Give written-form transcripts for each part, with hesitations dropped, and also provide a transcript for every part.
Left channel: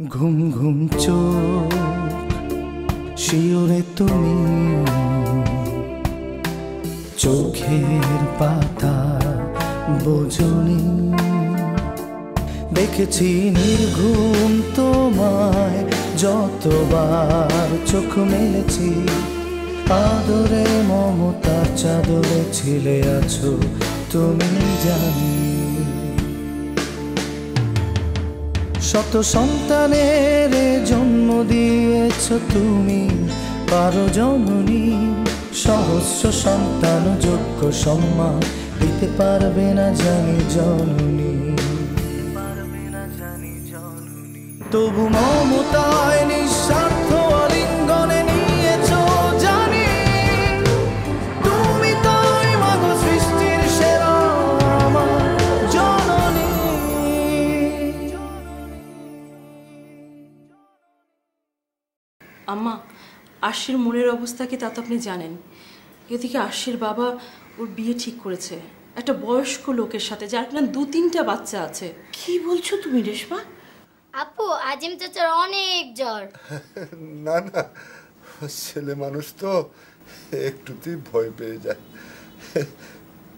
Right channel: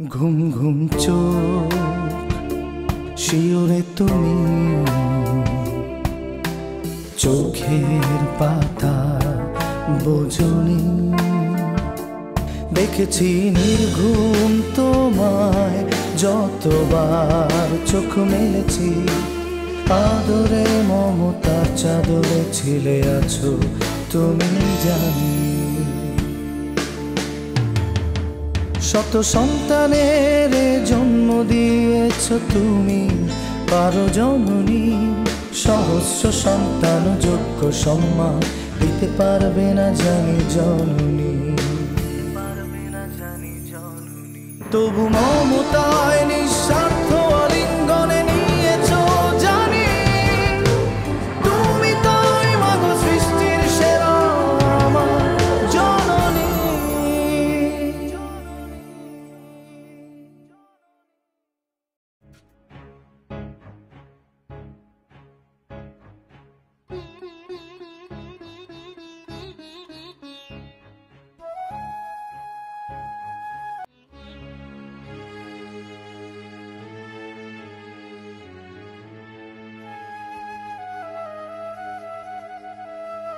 ঘুম ঘুম চোখ শিওরে তুমি, চোখের পাতা বোঝনি। দেখেছি নির্ঘুম তোমায় যতবার চোখ মেলেছি, আদরে মমতার চাদরে ছিলে আছো তুমি জানি। শত সন্তানের জন্ম দিয়েছ তুমি পারো জননী, সহস্র সন্তান যোগ্য সম্মান দিতে পারবে না জানি জননী। তবু মমতায় নিঃস্বার্থ আলিঙ্গনে নিয়েছ জানি, তুমি তাই মাগো সৃষ্টির সেরা আমার জননী। আম্মা, আশির মনের অবস্থা কি তা তো আপনি জানেন। এদিকে আশির বাবা ওর বিয়ে ঠিক করেছে একটা বয়স্ক লোকের সাথে, যার কিনা 2-3টা বাচ্চা আছে। কি বলছো তুমি রেশমা? আপু, আজিম চাচার অনেক জ্বর। না না, ছেলে মানুষ তো একটুতেই ভয় পেয়ে যায়।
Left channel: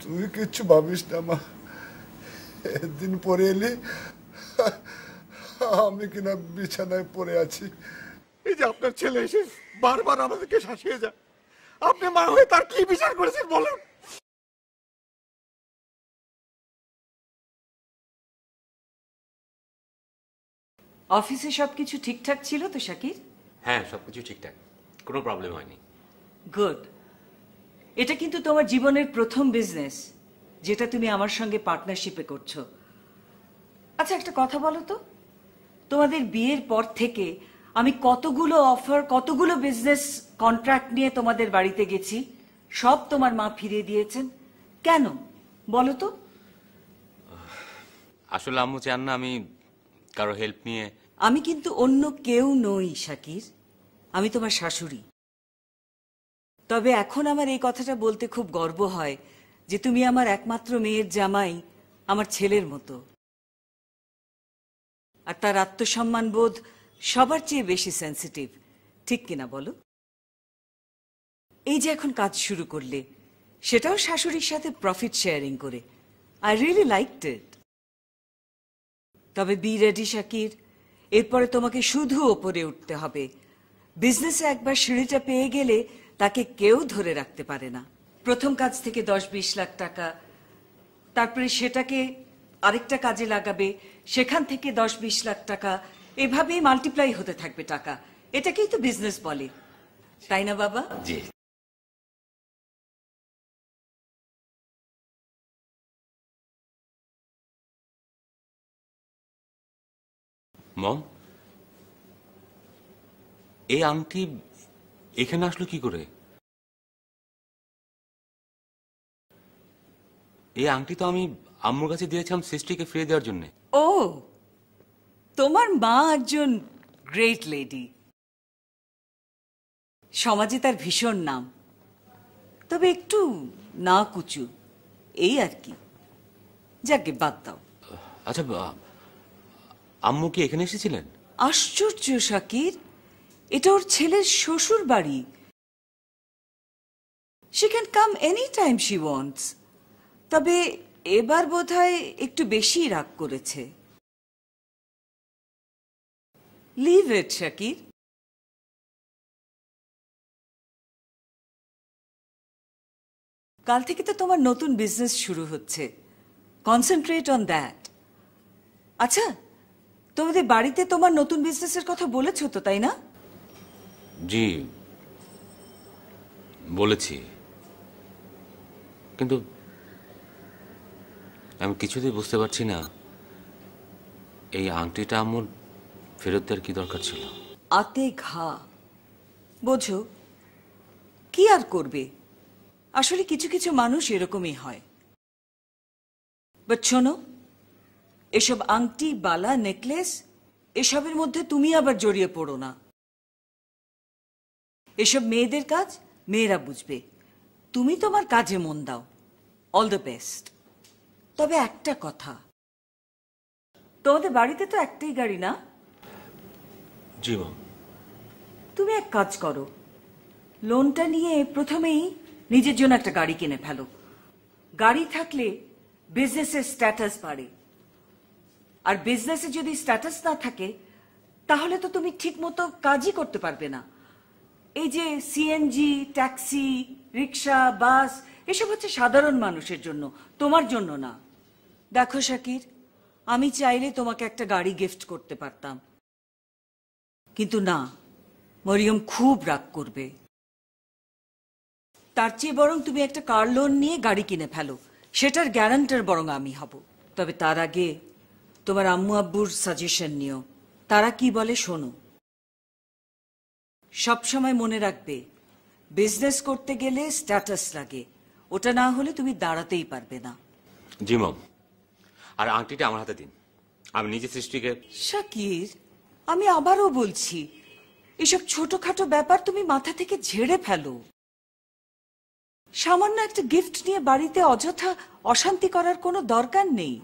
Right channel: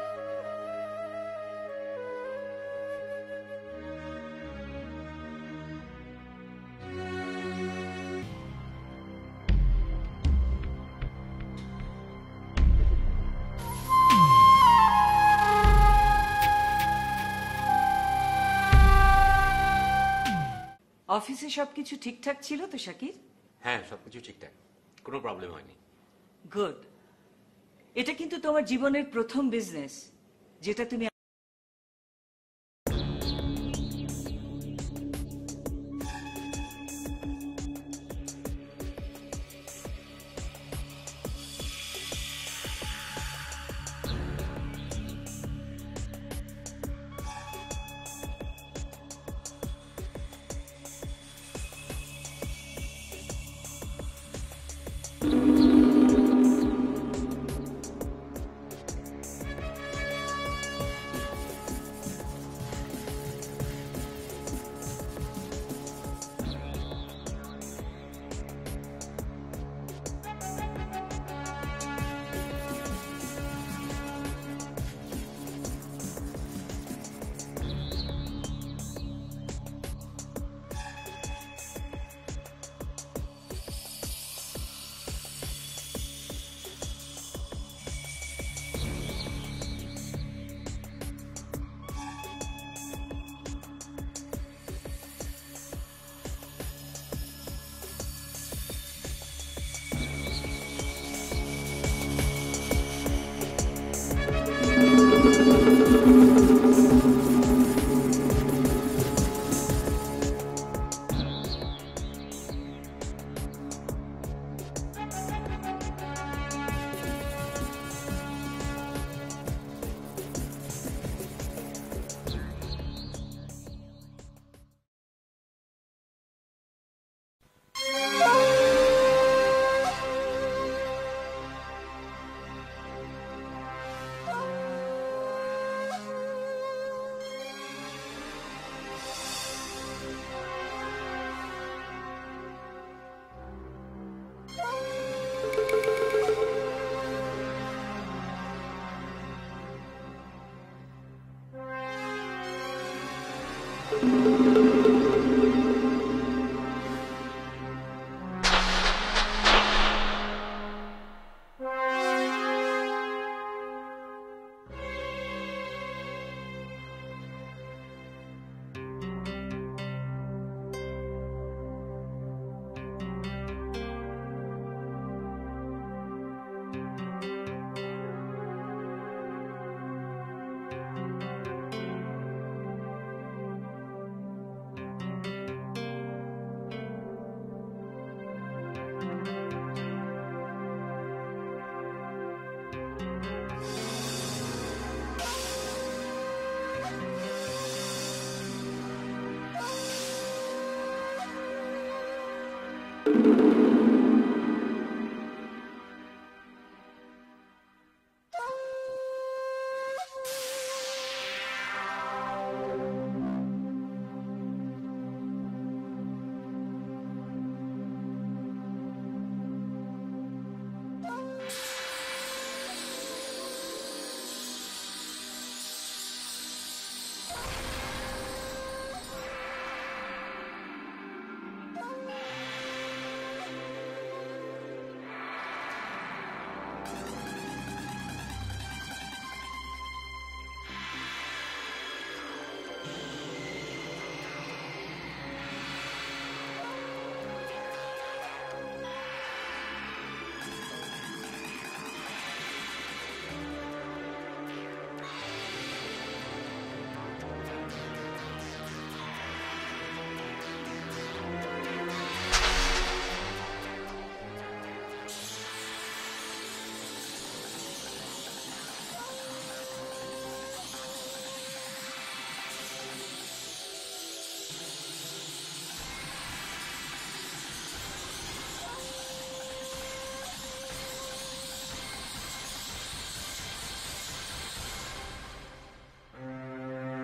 তুই কিচ্ছু ভাবিস না মা, একদিন পরে এলি আমি কিনা বিছানায় পড়ে আছি। এই যে আপনার ছেলে এসে বারবার আমাদেরকে শাসিয়ে যায়, আপনি মা হয়ে তার কি বিচার করেছেন বলুন? অফিসে সবকিছু ঠিকঠাক ছিল তো শাকির? হ্যাঁ, সবকিছু ঠিকঠাক, কোনো প্রবলেম হয়নি। গুড। এটা কিন্তু তোমার জীবনের প্রথম বিজনেস যেটা তুমি আমার সঙ্গে পার্টনারশিপে করছো। আচ্ছা একটা কথা বলো তো, তোমাদের বিয়ের পর থেকে আমি কতগুলো অফার, কতগুলো বিজনেস কন্ট্রাক্ট নিয়ে তোমাদের বাড়িতে গেছি, সব তোমার মা ফিরিয়ে দিয়েছেন কেন বলো তো? আসলে আম্মু চান না আমি কারো হেল্প নিয়ে। আমি কিন্তু অন্য কেউ নই শাকির, আমি তোমার শাশুড়ি। তবে এখন আমার এই কথাটা বলতে খুব গর্ব হয় যে তুমি আমার একমাত্র মেয়ের জামাই, আমার ছেলের মতো। আর তার আত্মসম্মান বোধ সবার চেয়ে বেশি সেন্সিটিভ, ঠিক কিনা বলো? এই যে এখন কাজ শুরু করলে, সেটাও শাশুড়ির সাথে প্রফিট শেয়ারিং করে। আই রিয়েলি লাইকড ইট। তবে বি রেডি শাকির, এরপরে তোমাকে শুধু ওপরে উঠতে হবে। বিজনেসে একবার সিঁড়িটা পেয়ে গেলে তাকে কেউ ধরে রাখতে পারে না। প্রথম কাজ থেকে 10-20 লাখ টাকা, তারপরে সেটাকে আরেকটা কাজে লাগাবে, সেখান থেকে 10-20 লাখ টাকা, এভাবেই মাল্টিপ্লাই হতে থাকবে টাকা। এটাকেই তো বিজনেস বলে, তাই না বাবা? জি। মম, এই আংটি এখানে আসলো কি করে? এই আংটি তো আমি আম্মুর কাছে দিয়েছিলাম সৃষ্টিকে ফিরিয়ে দেওয়ার জন্য। ও, তোমার মা একজন গ্রেট লেডি, সমাজে তার ভীষণ নাম, তবে একটু না কুচু, এই আর কি। যাকে বাদ দাও। আচ্ছা, আম্মু কি এখানে এসেছিলেন? আশ্চর্য শাকির, এটা ওর ছেলের শ্বশুর বাড়ি। she can come anytime she wants। তবে এবার বোধহয় একটু বেশি রাগ করেছে। Leave it Shakir. কাল থেকে তো তোমার নতুন বিজনেস শুরু হচ্ছে, কনসেন্ট্রেট অন দ্যাট। আচ্ছা, তোমাদের বাড়িতে তোমার নতুন বিজনেসের কথা বলেছো তো, তাই না? জি বলেছি, কিন্তু আমি কিছুতেই বুঝতে পারছি না এই আংটিটা আম্মুর ফেরত দেওয়ার কি দরকার ছিল। আতে ঘা বোঝো, কি আর করবে, আসলে কিছু কিছু মানুষ এরকমই হয়। বাট শোনো, এসব আংটি, বালা, নেকলেস, এসবের মধ্যে তুমি আবার জড়িয়ে পড়ো না। এসব মেয়েদের কাজ, মেয়েরা বুঝবে। তুমি তোমার কাজে মন দাও। All the best. তবে একটা কথা, তোমাদের বাড়িতে তো একটাই গাড়ি না? জি মা। তুমি এক কাজ করো, লোনটা নিয়ে প্রথমেই নিজের জন্য একটা গাড়ি কিনে ফেলো। গাড়ি থাকলে বিজনেসের স্ট্যাটাস বাড়ে, আর বিজনেসে যদি স্ট্যাটাস না থাকে তাহলে তো তুমি ঠিক মতো কাজই করতে পারবে না। এই যে সিএনজি, ট্যাক্সি, রিক্সা, বাস, এসব হচ্ছে সাধারণ মানুষের জন্য, তোমার জন্য না। দেখো শাকির, আমি চাইলে তোমাকে একটা গাড়ি গিফট করতে পারতাম, কিন্তু না, মরিয়ম খুব রাগ করবে। তার চেয়ে বরং তুমি একটা কার লোন নিয়ে গাড়ি কিনে ফেলো, সেটার গ্যারান্টার বরং আমি হব। তবে তার আগে তোমার আম্মু আব্বুর সাজেশন নিও, তারা কি বলে শোনো। সবসময় মনে রাখবে, বিজনেস করতে গেলে স্ট্যাটাস লাগে, ওটা না হলে তুমি দাঁড়াতেই পারবে না। জি মম। আর আংটিটা আমার হাতে দিন, আমি নিজে সৃষ্টিকে। শাকির, আমি আবারও বলছি, এসব ছোটখাটো ব্যাপার তুমি মাথা থেকে ঝেড়ে ফেলো। সামান্য একটা গিফট নিয়ে বাড়িতে অযথা অশান্তি করার কোনো দরকার নেই।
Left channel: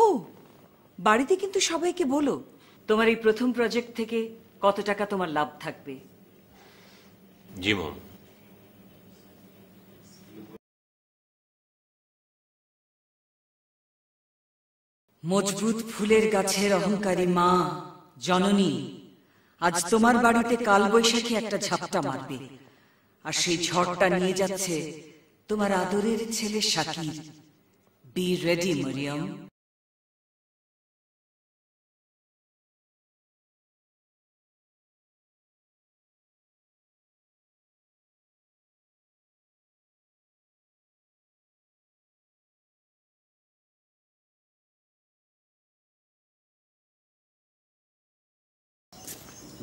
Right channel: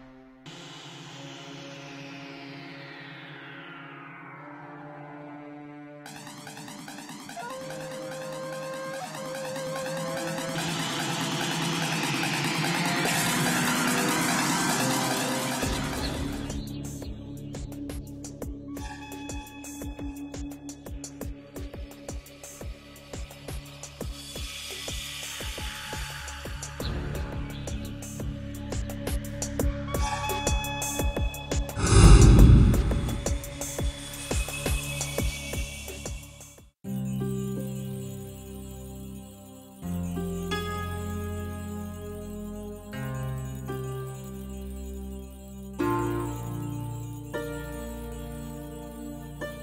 ও, বাড়িতে কিন্তু সবাইকে বলো তোমার এই প্রথম প্রজেক্ট থেকে কত টাকা তোমার লাভ থাকবে। জি মম। মজবুত ফুলের গাছের অহংকারী মা জননী আজ তোমার বাড়িতে কালবৈশাখী একটা ঝাপটা মারবে, আর সেই ঝড়টা নিয়ে যাচ্ছে তোমার আদরের ছেলে Shakir. Be ready Mariyam.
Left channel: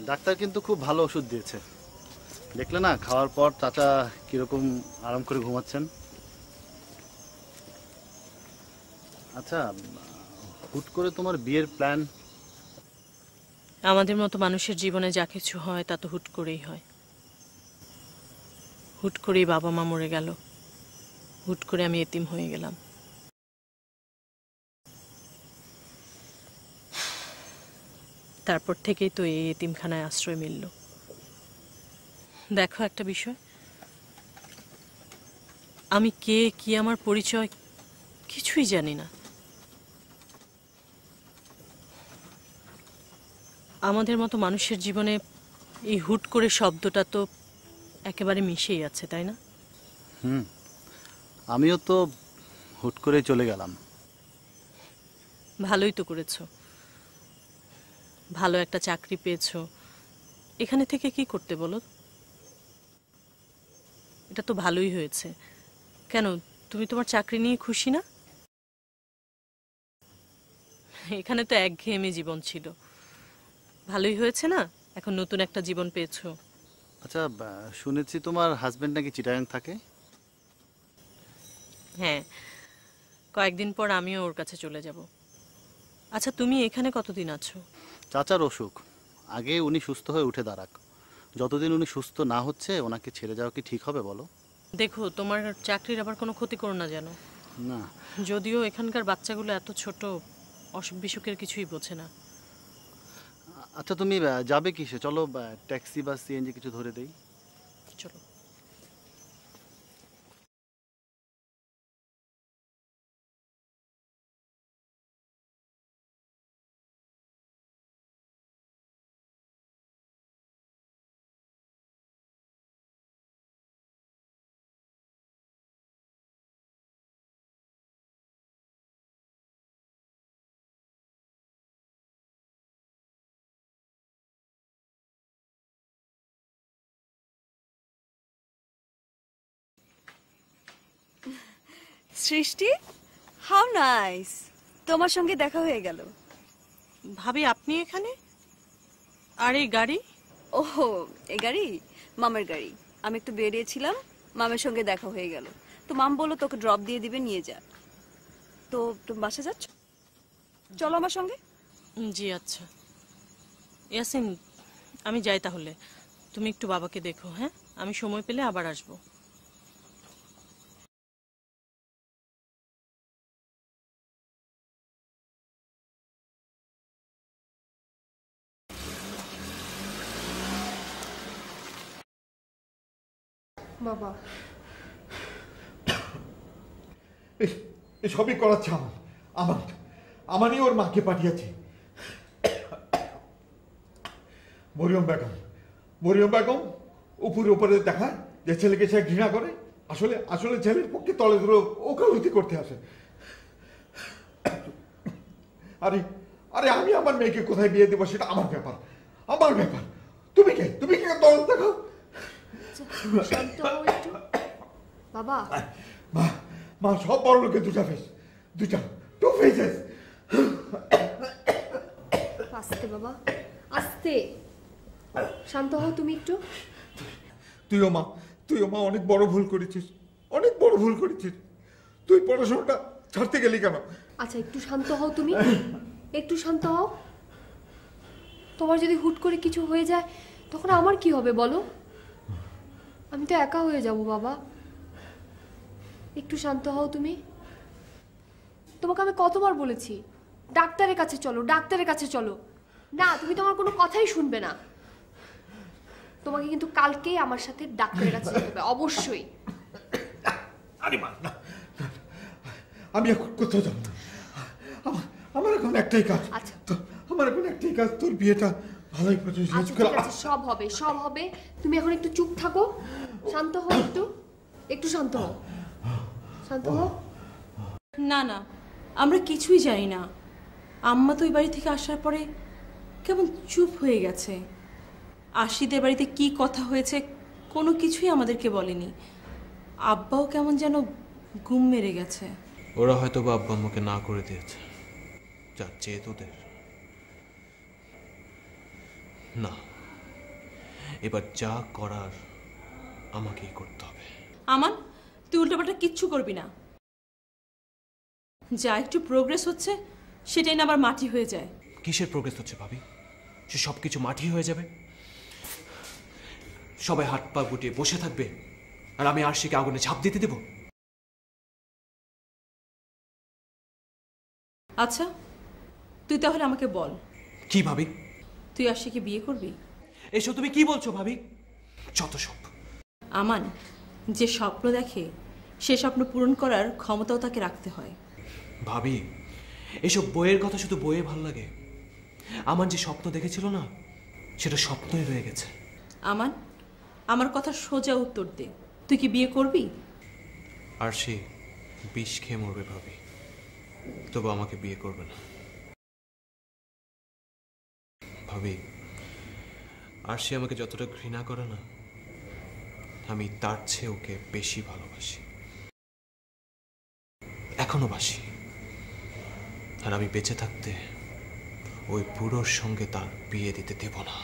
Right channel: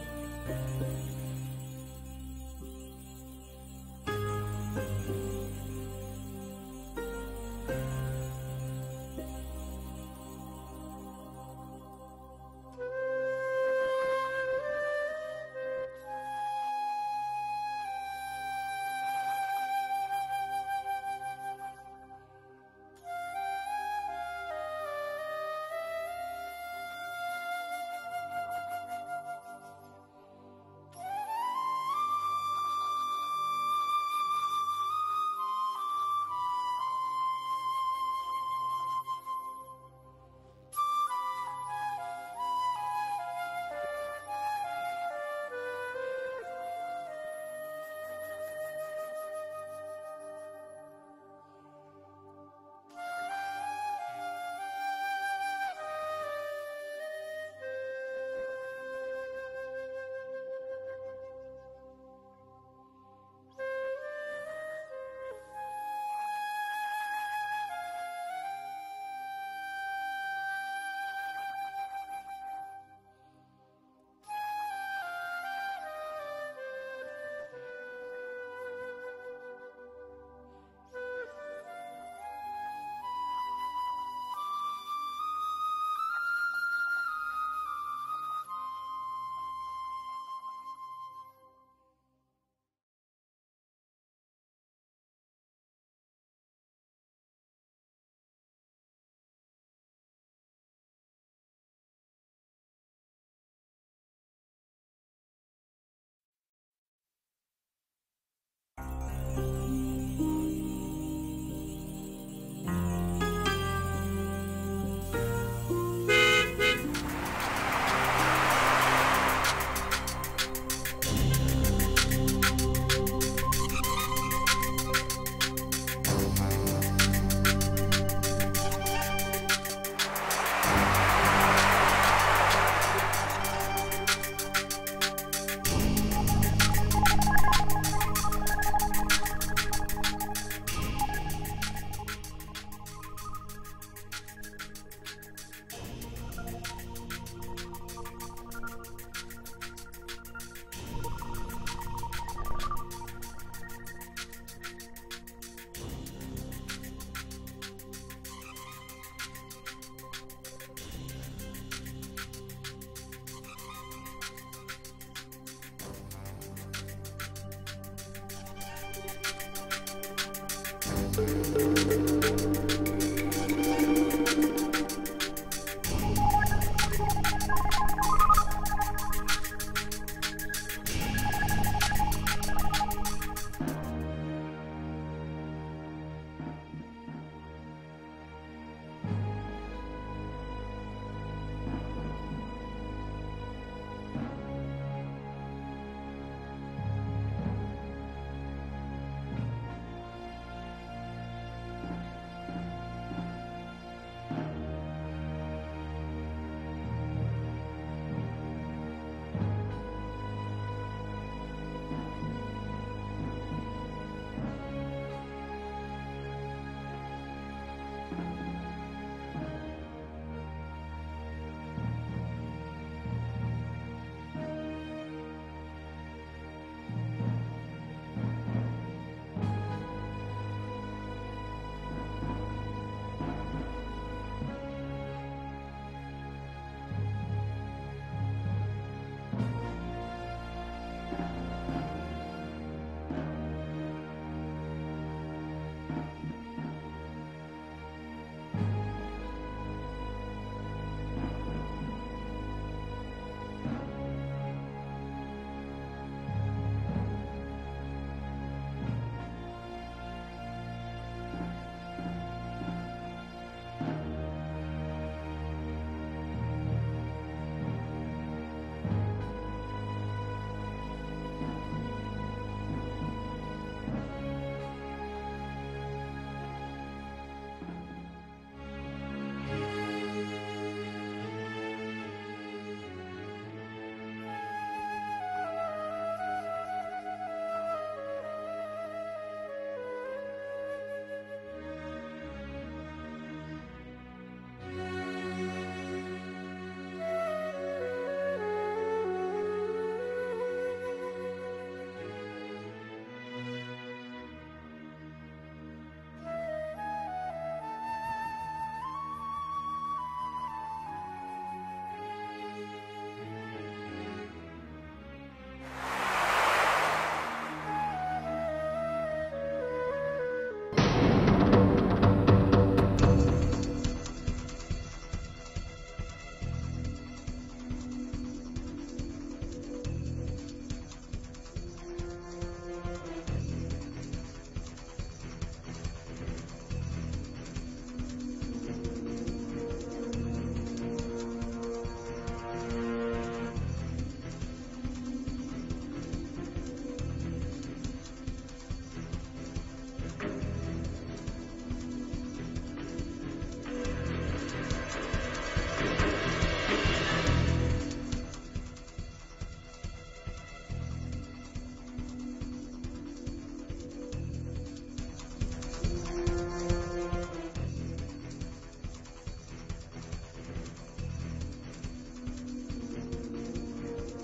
Doctor কিন্তু খুব ভালো ওষুধ দিয়েছে, দেখলে না খাওয়ার পর চাচা কিরকম আরাম করে ঘুমাচ্ছেন। আচ্ছা, হুট করে তোমার বিয়ের প্ল্যান? আমাদের মতো মানুষের জীবনে যা কিছু হয় তা তো হুট করেই হয়। হুট করেই বাবা মা মরে গেল, হুট করে আমি এতিম হয়ে গেলাম। তারপর থেকেই তো এই এতিমখানায় আশ্রয় মিলল। দেখো একটা বিষয়, আমি কে, কি আমার পরিচয় কিছুই জানি না। আমাদের মতো মানুষের জীবনে এই হুট করে শব্দটা তো একেবারে মিশেই আছে, তাই না? আমিও তো হুট করে চলে গেলাম। ভালোই তো করেছো, ভালো একটা চাকরি পেয়েছো। এখানে থেকে কি করতে বলো? এটা তো ভালোই হয়েছে। কেন, তুমি তোমার চাকরি নিয়ে খুশি না? এখানে তো একঘেয়েমি জীবন ছিল, ভালোই হয়েছে না? এখন নতুন একটা জীবন পেয়েছো। আচ্ছা, শুনেছি তোমার হাজবেন্ড নাকি চিটাগাং থাকে? হ্যাঁ, কয়েকদিন পর আমিও ওর কাছে চলে যাব। আচ্ছা, তুমি এখানে কতদিন আছো? চাচার অসুখ, আগে উনি সুস্থ হয়ে উঠে দাঁড়াক। যতদিন উনি সুস্থ না হচ্ছে ওনাকে ছেড়ে যাওয়া কি ঠিক হবে বলো? দেখো, তোমার চাকরির আবার কোনো ক্ষতি করো না যেন। না, যদিও এখানকার বাচ্চাগুলো এত ছোট, অসুখ বিসুখের কিছুই বোঝে না। আচ্ছা, তুমি যাবে কিসে? চলো ট্যাক্সি বা সিএনজি কিছু ধরে দেই। চলো। সৃষ্টি, হাউ নাইস, তোমার সঙ্গে দেখা হয়ে গেল। ভাবি, আপনি এখানে? আর এই গাড়ি? ওহো, এই গাড়ি মামের গাড়ি। আমি একটু বেরিয়েছিলাম, মামের সঙ্গে দেখা হয়ে গেল, তো মাম বললো তোকে ড্রপ দিয়ে দিবে, নিয়ে যা। তো তুমি বাসা যাচ্ছ, চলো আমার সঙ্গে। জি আচ্ছা। ইয়াসিন, আমি যাই তাহলে। তুমি একটু বাবাকে দেখো। হ্যাঁ, আমি সময় পেলে আবার আসবো। সবই করাচ্ছে আমারই ওর মাকে পাঠিয়েছি। মরিয়ম বেগম উপরে দেখা যে ছেলেকে সে ঘৃণা করে, আসলে আসলে ছেলের পক্ষে তলে ধরে ওকালতি করতে আসে। আরে আরে আমি আমার মেয়েকে কোথায় বিয়ে দেবো সেটা আমার ব্যাপার। তুমি কে তল দেখো। বাবা মা সব বড় লোকের দুটা ফেসেস। আস্তে বাবা আস্তে, শান্ত হও তুমি একটু। তুইও মা অনেক বড় ভুল করেছিস। তুই পড়াশোনাটা ছাড়তে গেলি কেন? আচ্ছা একটু শান্ত হও তুমি, একটু শান্ত হও। তোমার যদি হুট করে কিছু হয়ে যায় তখন আমার কি হবে বলো? আমি তো একা হয়ে যাব বাবা। একটু শান্ত হও তুমি। তোমাকে আমি কতবার বলেছি ডাক্তারের কাছে চলো। না, তুমি তো আমার কোনো কথাই শুনবে না। তোমাকে কিন্তু কালকেই আমার সাথে ডাক্তারের কাছে যেতে হবে অবশ্যই। আরে মা, আমি এখন কোথাও যাব? আমার এখন একটাই কাজ। আচ্ছা তোর বিয়েটা ভালোই করে শেষ করে। সব হবে। তুমি এখন একটু চুপ থাকো, শান্ত হও, একটু শান্ত হও। না আমরা কিছুই জানি না। আম্মা তো ওই বাড়ি থেকে আসার পরে কেমন চুপ হয়ে গেছে। আশিদের বাড়িতে কি কথা হয়েছে কোনো কিছুই আমাদেরকে বলেনি। আব্বাও কেমন যেন ঘুম মেরে গেছে। ওরা হয়তো বা আব্বা আম্মাকে না করে দিয়েছে, যা চেয়ে তো দেবে না। এবার যা করার আমাকেই করতে হবে। আমান, তুই উল্টোপাল্টা কিচ্ছু করবি না। যা একটু প্রোগ্রেস হচ্ছে সেটাই না আবার মাটি হয়ে যায়। কিসের প্রোগ্রেস হচ্ছে ভাবি? সে সবকিছু মাটি হয়ে যাবে। সবাই হাত পা গুটিয়ে বসে থাকবে আর আমি আরশিকে আগুনে ঝাঁপ দিতে দেব? আচ্ছা তুই তাহলে আমাকে বল, কি ভাবি? তুই আরশিকে বিয়ে করবি? এসব তুমি কি বলছো ভাবি? যত সব। আমান, যে স্বপ্ন দেখে সে স্বপ্ন পূরণ করার ক্ষমতাও তাকে রাখতে হয়। ভাবি, এসব বইয়ের কথা শুধু বইয়ে ভালো লাগে। আমার যে স্বপ্ন দেখেছিল না, সেটা স্বপ্নই রয়ে গেছে। আমান, আমার কথা সোজা উত্তর দে, তুই কি বিয়ে করবি? আরশি বিষ খেয়ে মরবে ভাবি, তবু আমাকে বিয়ে করবে। ভাবি, আরশি আমাকে যতটা ঘৃণা করে না, আমি তার চেয়ে ওকে বেশি ভালোবাসি, এখনো বাসি। আর আমি বেঁচে থাকতে ওই বুড়োর সঙ্গে তার বিয়ে দিতে দেব না।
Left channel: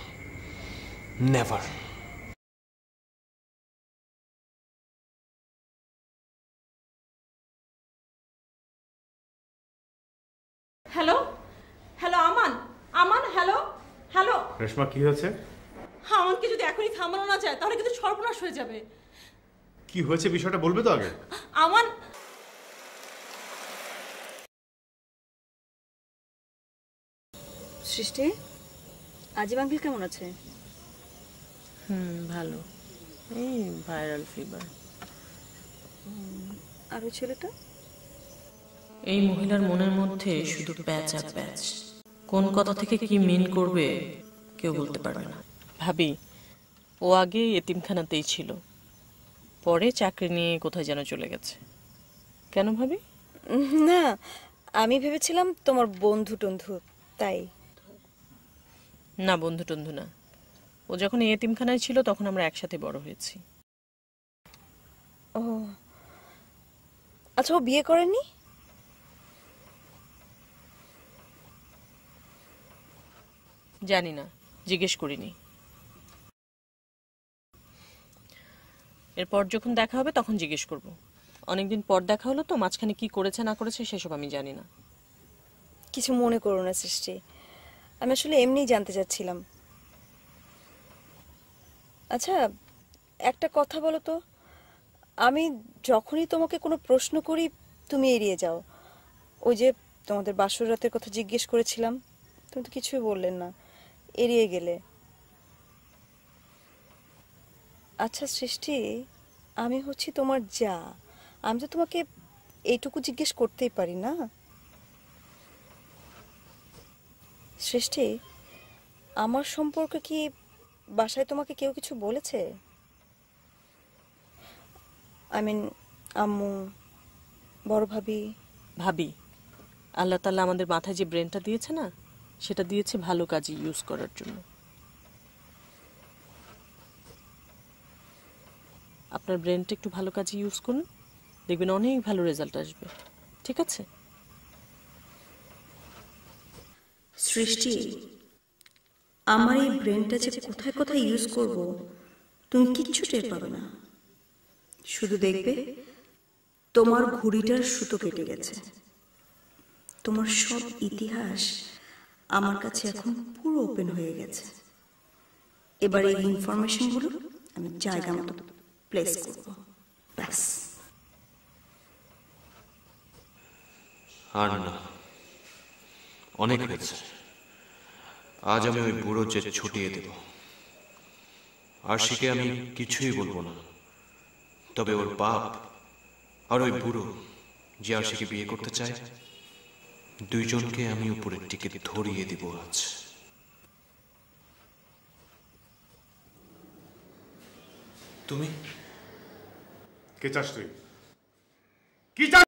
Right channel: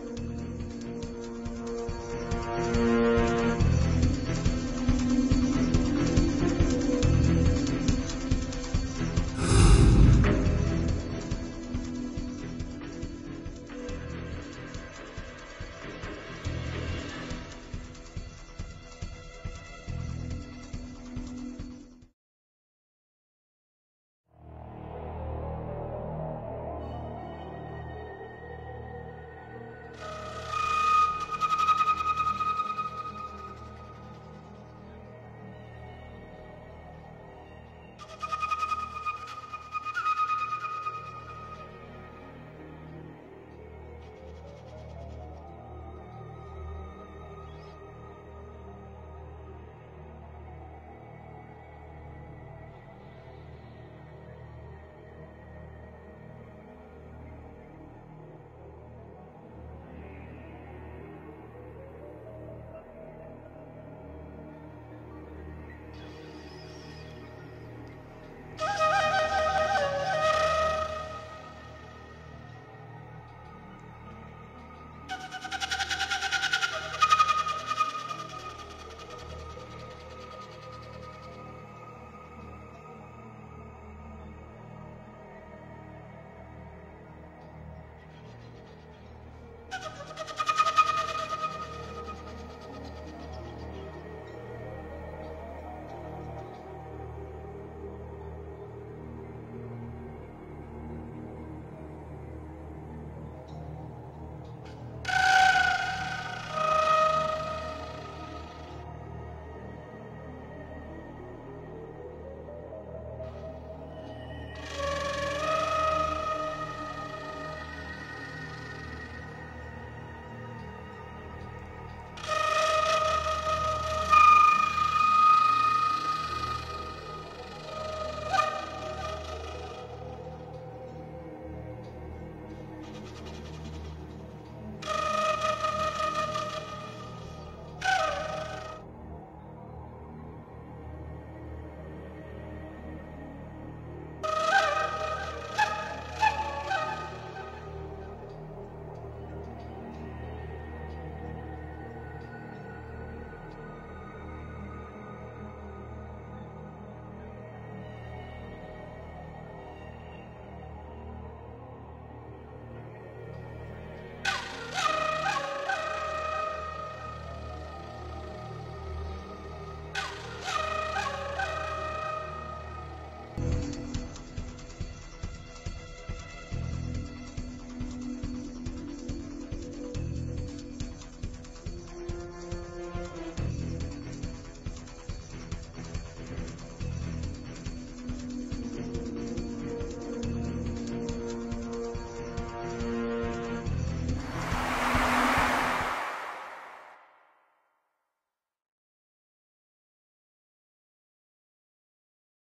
নেভার। হ্যালো আমান, হ্যালো। রেশমা, কি হয়েছে? আমানকে যদি এখনই থামানো না যায় তাহলে কিন্তু সর্বনাশ হয়ে যাবে। কি হয়েছে বিষয়টা বলবে তো আগে। আমান, সৃষ্টি, আজিম আঙ্কেল কেমন আছে? ভালো, এই ভাইরাল ফিভার। আর ওই ছেলেটা? এই মহিলার মনের মধ্যে শুধু প্যাচ আর প্যাচ। কোন কথা থেকে কি মিন করবে কেউ বলতে পারবে না। ভাবি, ও আগে এতিমখানাতেই ছিল, পরে চাকরি নিয়ে কোথায় যেন চলে গেছে। কেন ভাবি? না, আমি ভেবেছিলাম তোমার বন্ধু টন্ধু, তাই। না, বন্ধু টন্ধু না। ও যখন এই এতিমখানায় ছিল তখন আমরা একসাথে বড় হয়েছি। ও আচ্ছা, ও বিয়ে করেনি? জানি না, জিজ্ঞেস করিনি। এরপর যখন দেখা হবে তখন জিজ্ঞেস করবো। অনেকদিন পর দেখা হলো তো, মাঝখানে কি করেছে না করেছে সেসব আমি জানি না। কিছু মনে করো না সৃষ্টি, আমি আসলে এমনিই জানতে চাচ্ছিলাম। আচ্ছা একটা কথা বলো তো, আমি যখনই তোমাকে কোনো প্রশ্ন করি তুমি এড়িয়ে যাও। ওই যে তোমাদের বাসর রাতের কথা জিজ্ঞেস করেছিলাম, তুমি তো কিছুই বললেন না, এড়িয়ে গেলে। আচ্ছা সৃষ্টি, আমি হচ্ছি তোমার যা, আমি তো তোমাকে এইটুকু জিজ্ঞেস করতেই পারি না? সৃষ্টি, আমার সম্পর্কে কি বাসায় তোমাকে কেউ কিছু বলেছে? আই মিন আম্মু, বড় ভাবি? ভাবি, আল্লাহ তাআলা আমাদের মাথায় যে ব্রেনটা দিয়েছে না, সেটা দিয়েছে ভালো কাজে ইউজ করার জন্য। আপনার ব্রেনটা একটু ভালো কাজে ইউজ করুন, দেখবেন অনেক ভালো রেজাল্ট আসবে। ঠিক আছে? সৃষ্টি, আমার এই ব্রেনটা যে কোথায় কোথায় ইউজ করব তুমি কিচ্ছু টের পাবে না। শুধু দেখবে তোমার ঘড়িটার সুতো কেটে গেছে। তোমার সব ইতিহাস আমার কাছে এখন পুরো ওপেন হয়ে গেছে। এবার এই ইনফরমেশনগুলো আমি জায়গা মতো প্লেস করব। ব্যাস। আর না, অনেক হয়েছে। আজ আমি ওই বুড়ো যে ছুটিয়ে দেব। আরশিকে আমি কিছুই বলবো না, তবে ওর বাপ আর ওই বুড়ো যে আরশিকে বিয়ে করতে চায়, দুইজনকে আমি উপরের টিকিট ধরিয়ে দেব আজ। তুমি কে চাস তুই? কি চাস?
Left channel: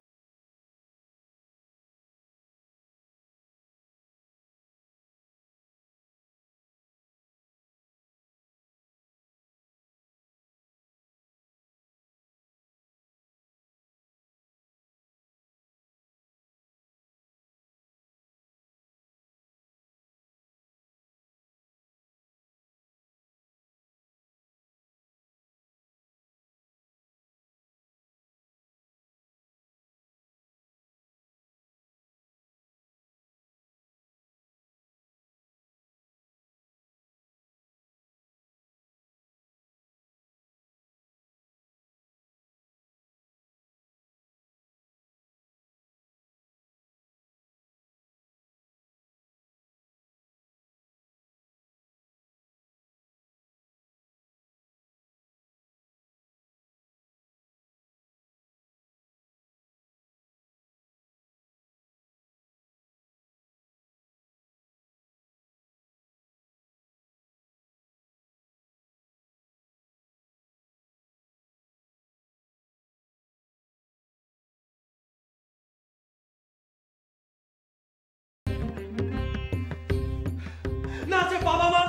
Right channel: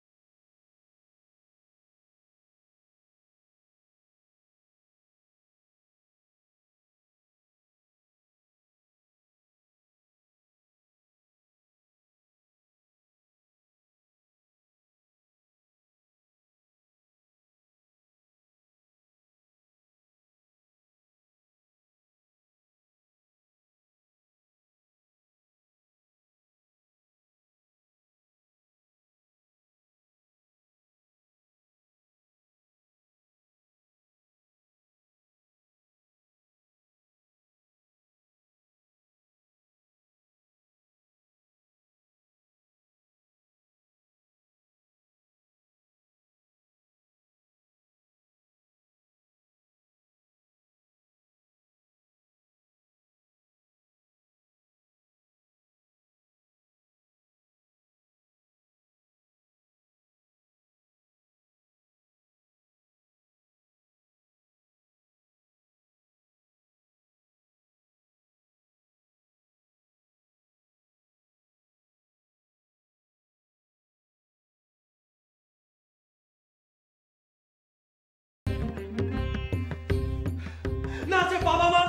না আছে বাবা মা,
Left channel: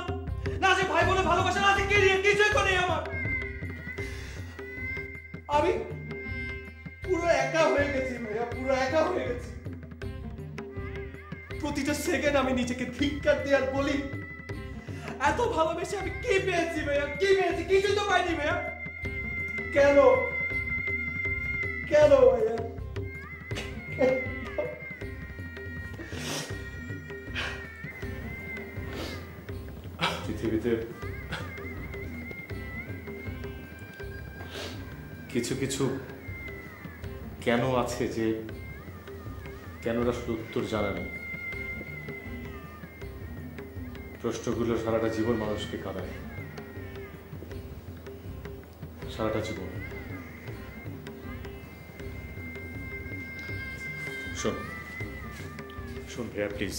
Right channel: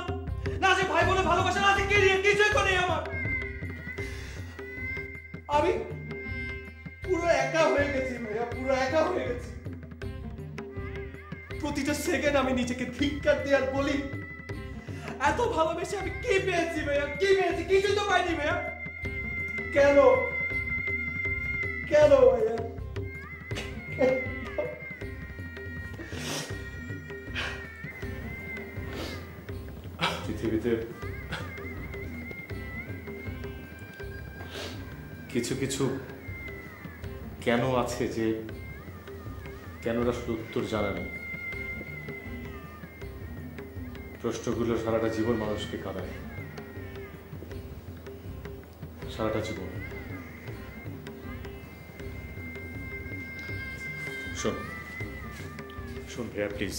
না আছে ভাই বোনের ভালোবাসা, না আছে কেরিয়ার, কিছুই তো নেই আমার। আমি পুরো একা হয়ে গেছি ভাইয়া, পুরো একা হয়ে গেছি। প্রতিটা সেকেন্ড আমি নিজেকে ধিক্কার দিয়ে আর বলি, এত ভালোবেসে আমি কি পেয়েছি ভাইয়া, কি পেয়েছি? কিছুই তো পাইনি ভাইয়া। কেন কেন ভাইয়া? পৃথিবীতে কিছু কিছু কেন আছে যে কেনটা শুধু উত্তর জানা নেই। প্রশ্নগুলো সারাটা জীবন মানুষকে কাঁদায়, সারাটা জীবন। শোন শোন ভাইয়া, প্লিজ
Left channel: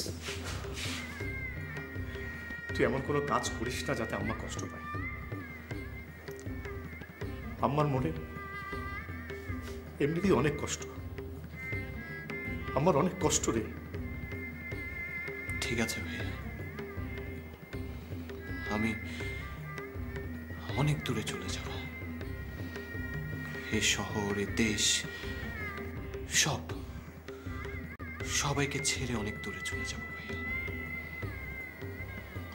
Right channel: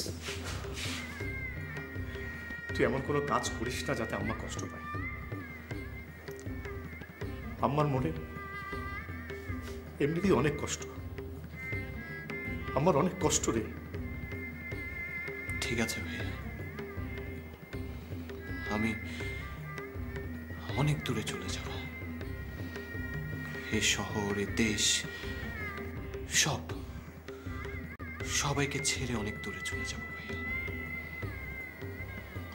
তুই এমন কোনো কাজ করিস না যাতে আম্মা কষ্ট পায়। আম্মার মনে এমনিতেই অনেক কষ্ট, আমার অনেক কষ্ট রে। ঠিক আছে ভাইয়া, আমি অনেক দূরে চলে যাব। এ শহর, এ দেশ, সবাইকে ছেড়ে অনেক দূরে চলে যাব ভাইয়া,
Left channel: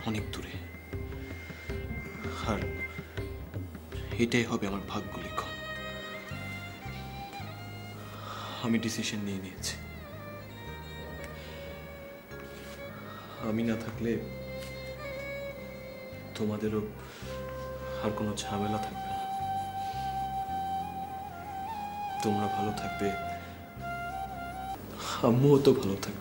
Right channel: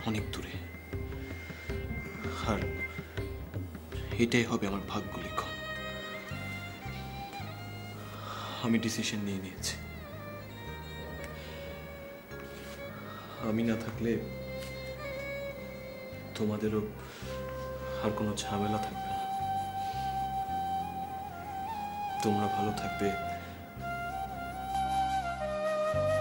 অনেক দূরে। আর এটাই হবে আমার ভাগ্য লিখন। আমি ডিসিশন নিয়ে নিয়েছি। আমি না থাকলে তোমাদেরও আর কোনো ঝামেলা থাকবে না। তোমরা ভালো থাকবে, আম্মুও তো ভালো থাকবে।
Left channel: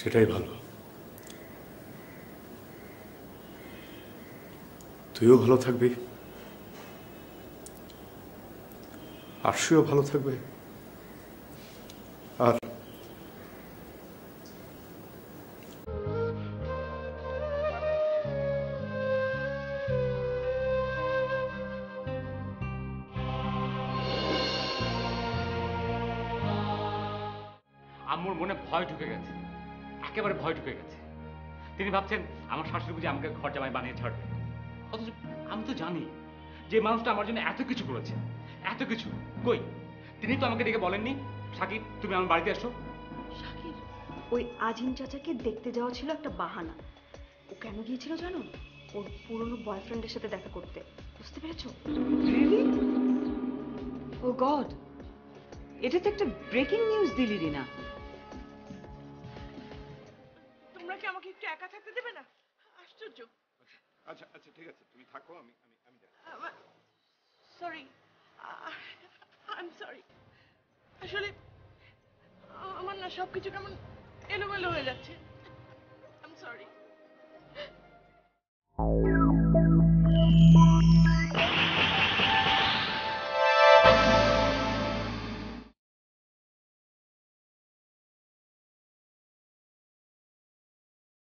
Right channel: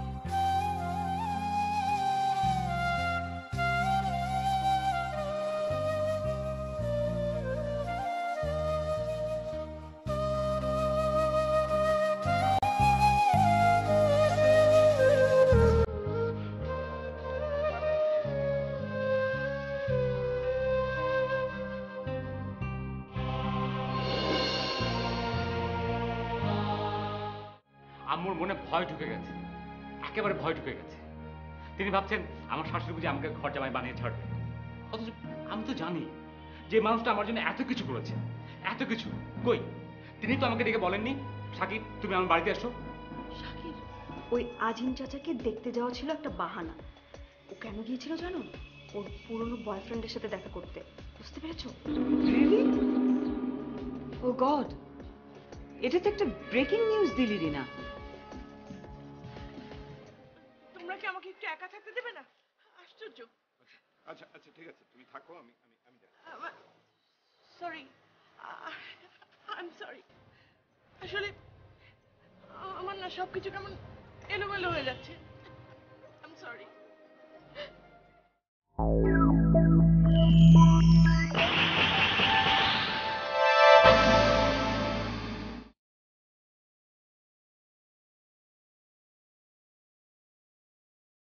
সেটাই ভালো। তুইও ভালো থাকবি, আরশিও ভালো থাকবে। আর আম্মুর মনে ভয় ঢুকে গেছে, একেবারে ভয় ঢুকে গেছে। তিনি ভাবছেন আমার শাশুড়ি বুঝি আমাকে ঘর জামাই বানিয়ে ছাড়বে। অথচ আমি তো জানি যে মানুষটা আমার জন্য এত কিছু করেছে, এত কিছু। কই, তিনি তো আমাকে ডেকে বলেননি সাকিব তুমি আমার বাড়িতে আসো। সাকিব ওই আজিম চাচাকে দেখতে যাওয়া ছিল একটা বাহানা। ও কেন গিয়েছিল জানো? ওর পুরনো বয়ফ্রেন্ডের সাথে দেখা করতে। বুঝতে পেরেছো? ও গড, এটা তো একটা ব্রেকিং নিউজ দিলি রিনা। তোমরা কি আমাকে একটু একা থাকতে দেবে না? আশ্চর্য। আচ্ছা আচ্ছা ঠিক আছে, তুমি থাকো, আমি সরি, আই এম সরি। আসলে আমার না সবকিছু কেমন এলোমেলো হয়ে যাচ্ছে।